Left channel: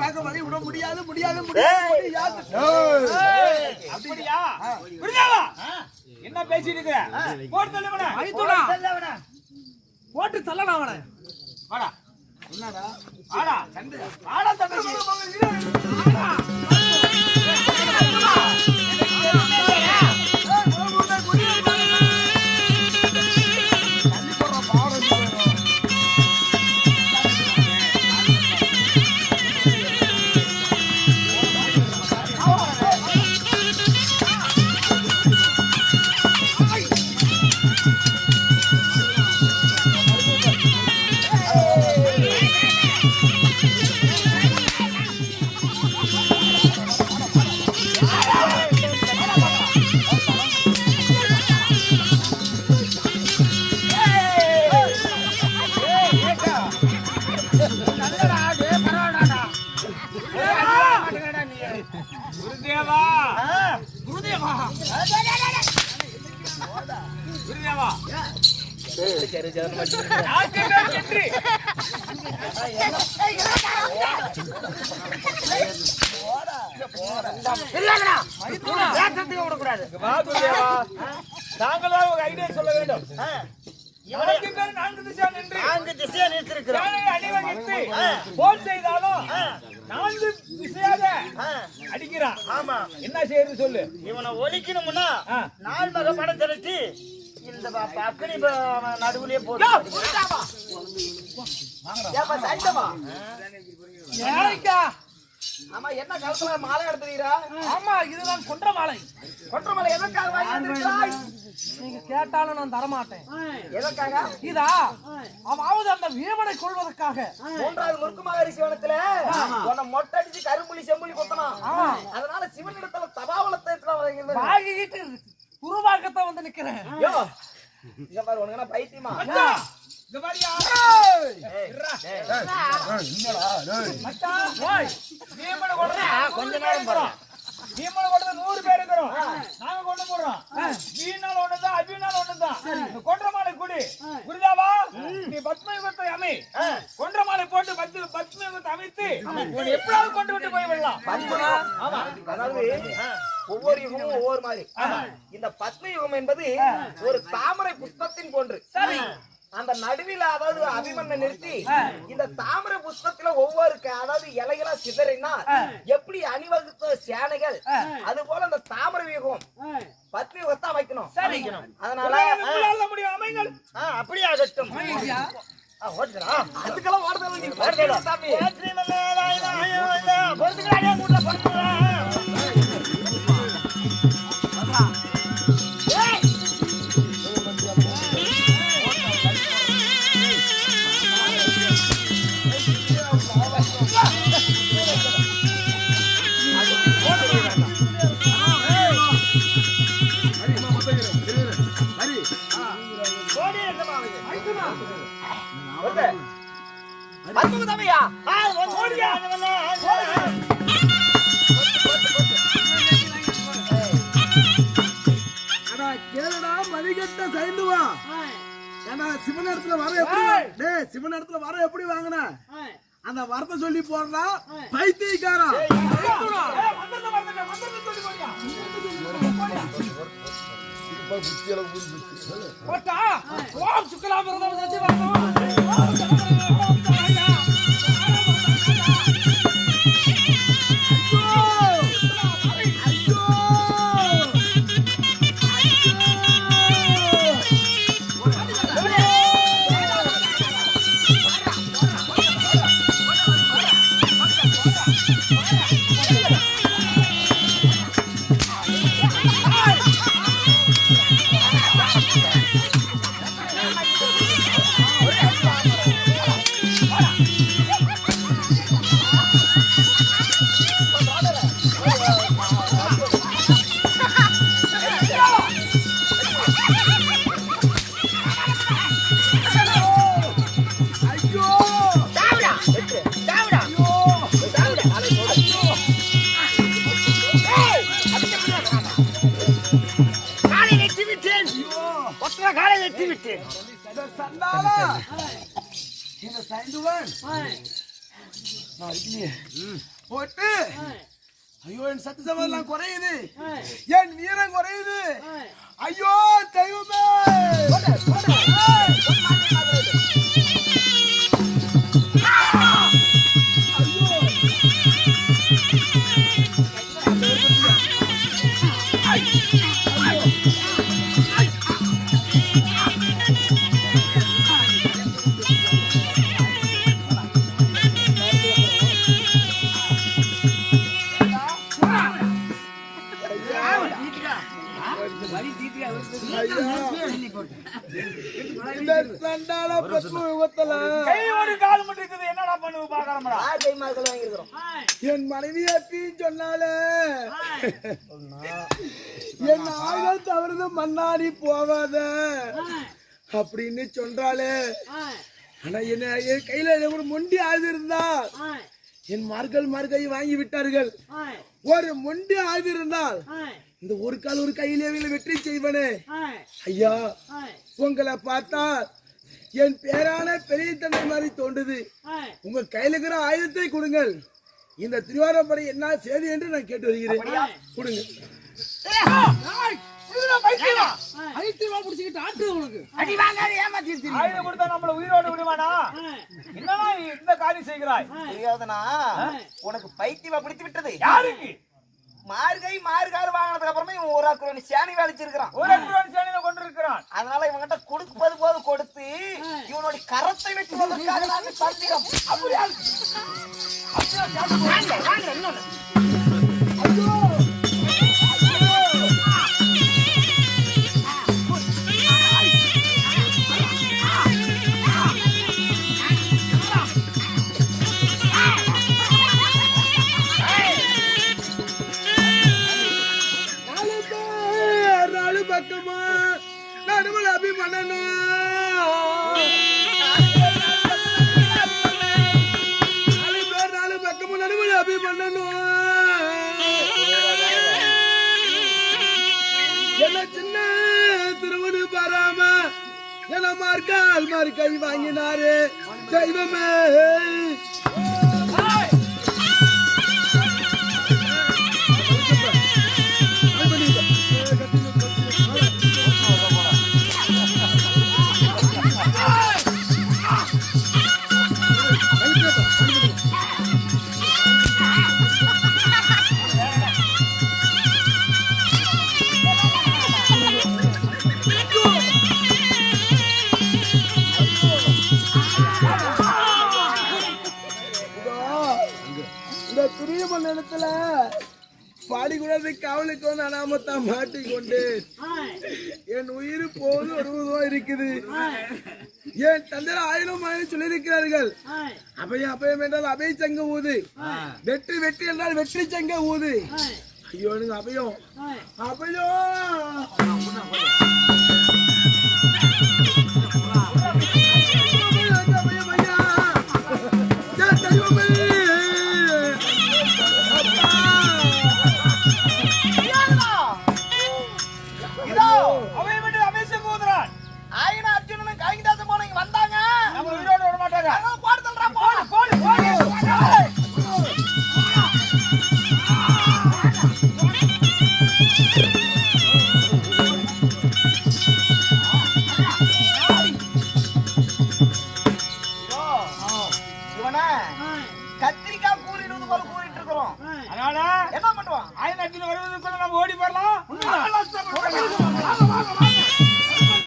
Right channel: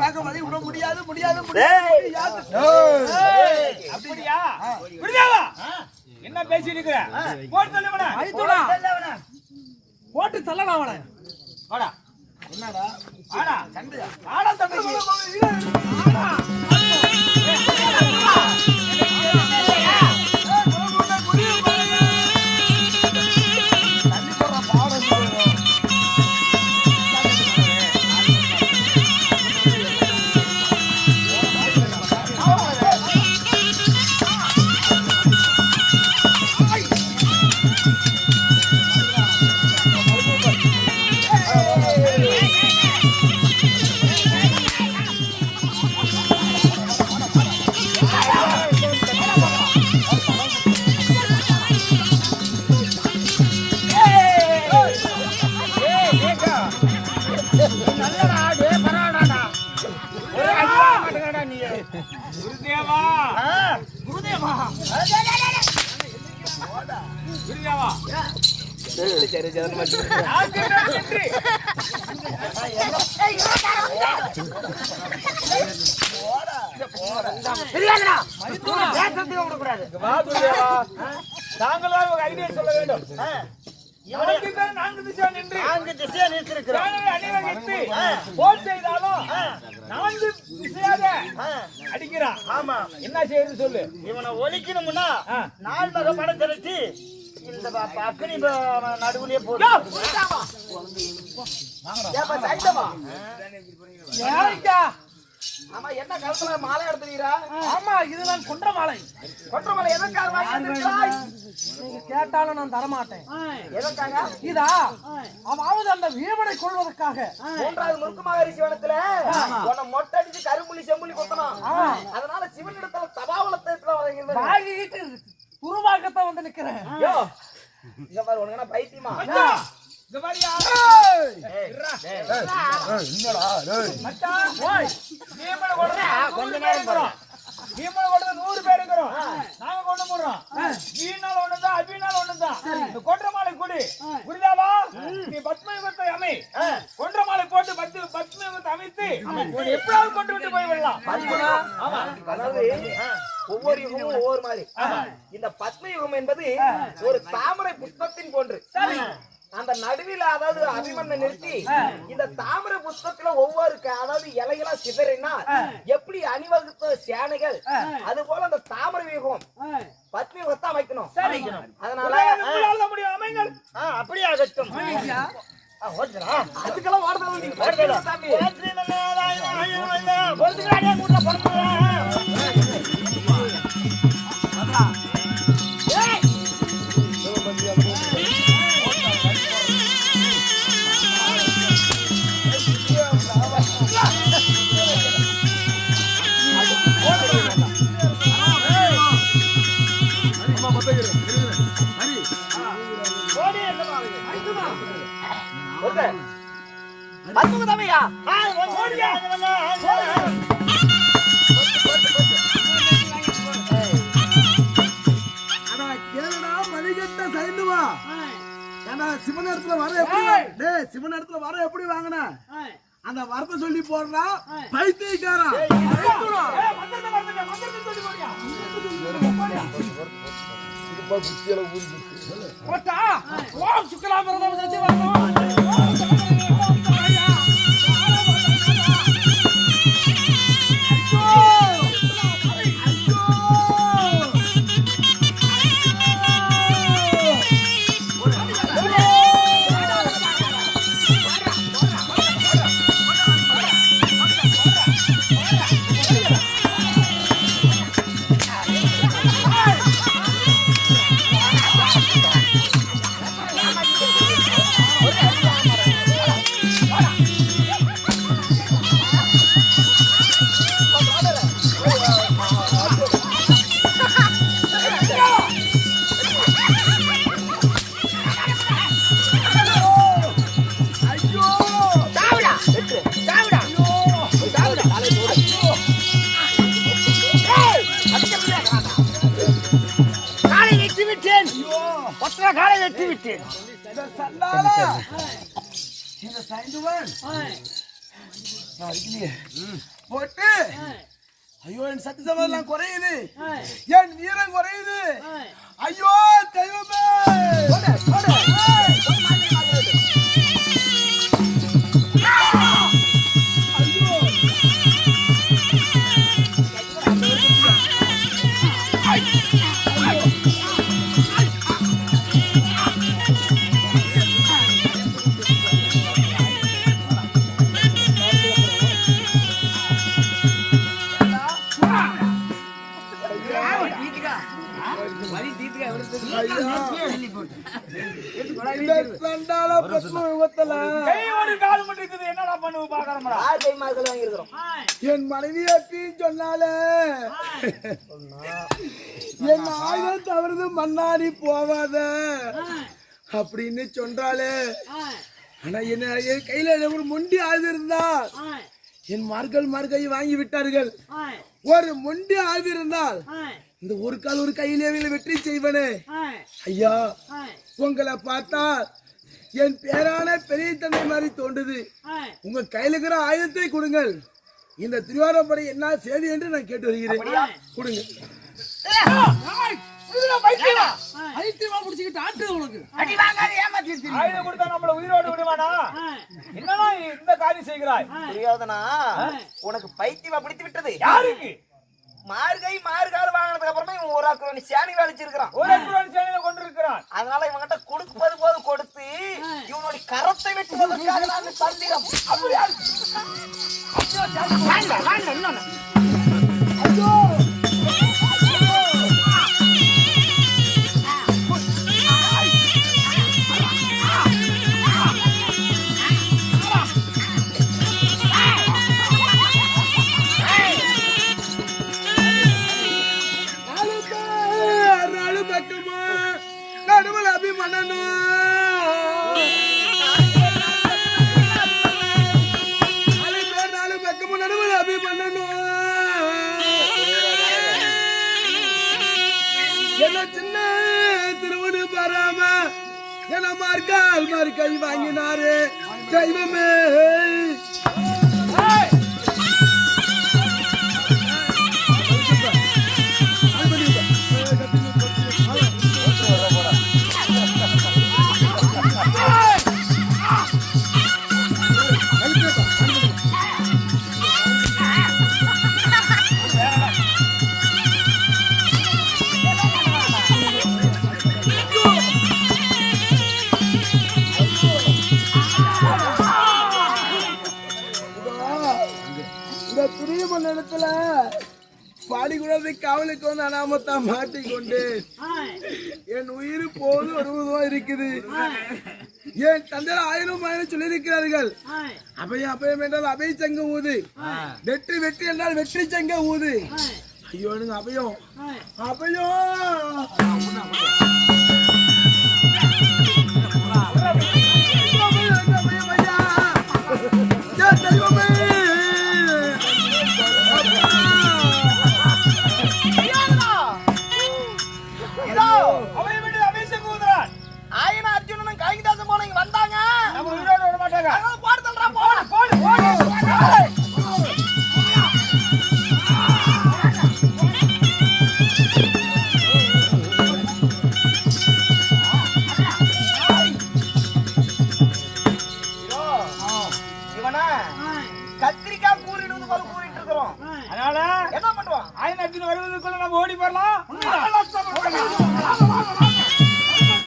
பார்க்க மாதிரி விட முடியாது முடியாது முடியாது. அப்படியா? புரியாதா? என்ன பேசிட்டு இருக்கிற? போட்டு தள்ளவனா? போட்டு தள்ளலாம் அவனை. வாடா. என்னடா? வாடா. சண்டையா? வாடா தம்பி. அடிக்கிறான். என்ன செய்யறது சொல்லு. இவனை ஒழிக்கணும்னா நாலு வகை படம் திரட்டி இந்த பக்கனி நடுவுலயே போடு. ஆமா, என்ன கலத்துல மாலை எடுத்துறீரா? ஆமா, இதுதான் கொன்ற மாலை. கொன்ற மாலை எதற்காக? நீங்க கேட்டாலும் நான் தரமாட்டேன். எதற்காக? இதா அவாவது அந்த வீரனை கொள்வதற்காக. மூன்றாவது முருக்குமாரி சிவனத்துல உன்னை மொட்டை அடிச்சு கரும்புலி செம்புலி கொட்டணும். அதனால சிவனிடத்துல தபாவளத்தை வாங்கிட்டு குருவாகத்தான் வந்து நிக்கிறேன். இங்க பாரு, உனக்கு பைத்தியமா? கொஞ்ச நேரம் 100 பேர் இருக்கிறோம். நாங்க கொண்டு போடுறோம். வீணால் ஒண்ணுதான் அபிநாள் ஒண்ணுதான். கொன்ற மாலை கொடு. குருதாவா, நீ பத்மயுகத்தை அமை. கொன்ற மாலை போட்டு பத்மயுகத்தை அமைத்து எப்படியாவது கொண்டு விட்டு போயிடலாம். அதாவது ஒவ்வொரு யுகமும் ஒவ்வொரு மாதிரி. இந்த பத்ம யுகம் என்பது ஒரு தாமரை புஷ்பத்தின் போன்று. அந்த நடுவில் அதாவது அபிமன்யை நிறுத்தி இந்த தாமரை புஷ்பத்துல ஒவ்வொரு அதாவது இலைகளா சிதறினா எப்படி அணிவகுத்த சேனைகள் அது போல அந்த தாமரை யுகம் பத்ம யுகத்தை அமைக்கணும். அதனால அப்படியே ஆகட்டும். அதுக்கெல்லாம் வார்த்தை சிவனிடத்துல வர எப்படி சிவனிடத்துல வர எப்படி வாங்கின அந்த வரத்தை சொல்லி போடுறா பைத்தியக்காரா. போட்டு ஐயோ என் சத்து சமதெல்லாம் குறையுது, என் வீரம் குறையுது. ஐயோ தெய்வமே, சண்டால பத்ம விபத்துல என்னடா பண்ணுவ பாக்கறோம்டா. என் மனைவி அப்படி சொன்னாலே என் ஆயுள் தவறுது மண்ணாடி போவாத அப்படின்னு சொல்றாளே. ஆனா என்ன என் கையில ஒரு மொண்டி ஆயுதம் இருந்தா என் மார்கை வாங்கி விட்டார்கள். ஒரு மொண்டி ஆயுதம் இருந்தால் இந்த ஒரு கால் ஒரு கையிலே வெற்றி செய்வனே. ஐயா உங்களை பார்த்தா என் பேரான பெரிய தந்தை மாதிரி தோன்றுது. உங்க கையில இருக்கிற ஆயுதத்தை கொடுங்கள், இந்த திருவாரூரை என்ன செய்தி என்று நான் கேட்டு வருகிறேன். கொடுங்க. உயிரோடு விடுவானா? என்னன்னா இந்த காரியம் செய்கிறாய்? உனக்கு பைத்தியமா பிடித்து விட்டது. யாருக்கு? மார்காறு வாங்கினதுக்கு அப்புறமே இவன் ஒரு அக்குரோனி சேனி வலிச்சிருக்கான். ஒரு அக்குரோனி சேனியை கொண்டிருக்கிறான். அதனால இவங்கிட்ட கொடுப்பது போது கொடுத்து இவனுடைய கரத்தை வெட்டுவதற்காக நான் தந்திரம். அப்படியா? நடுவில் அபிமன்னனு நாலு பக்கமும் நடுவில் அபிமன்னனு என்ன சின்ன திருவடி பாராம என மார்க்கால் கை வாங்கினாரு தெய்வமே. இடத்துல பாடிக்கூடாது காவலுக்கு வந்து அனாமத்தா மாட்டிக்கொண்டு என் உயிர் போது வருவதோ இருக்குது. என் தந்தையர் 1000 சொல்லியிருக்கிறார்கள். அபயம் என்றால் அபய சங்க ஊது, வெற்றி என்றால் வெற்றி சங்க ஊது. ஐயோ எனக்கு அபயம் அர்ஜுனனும் காளிதாசன் போன இங்க வந்தாங்க. நம்ம உயிரோடு விட மாட்டாங்க. போடு தல்றா இவனா கத்திரிக்காய் கூறிடுவது போல கூறிட்டு இருக்கிறோம். அதனால என்ன பண்ணுவான்? அர்ஜுன் வருவதற்குள்ள நம்ம ஓடி போறலாம்.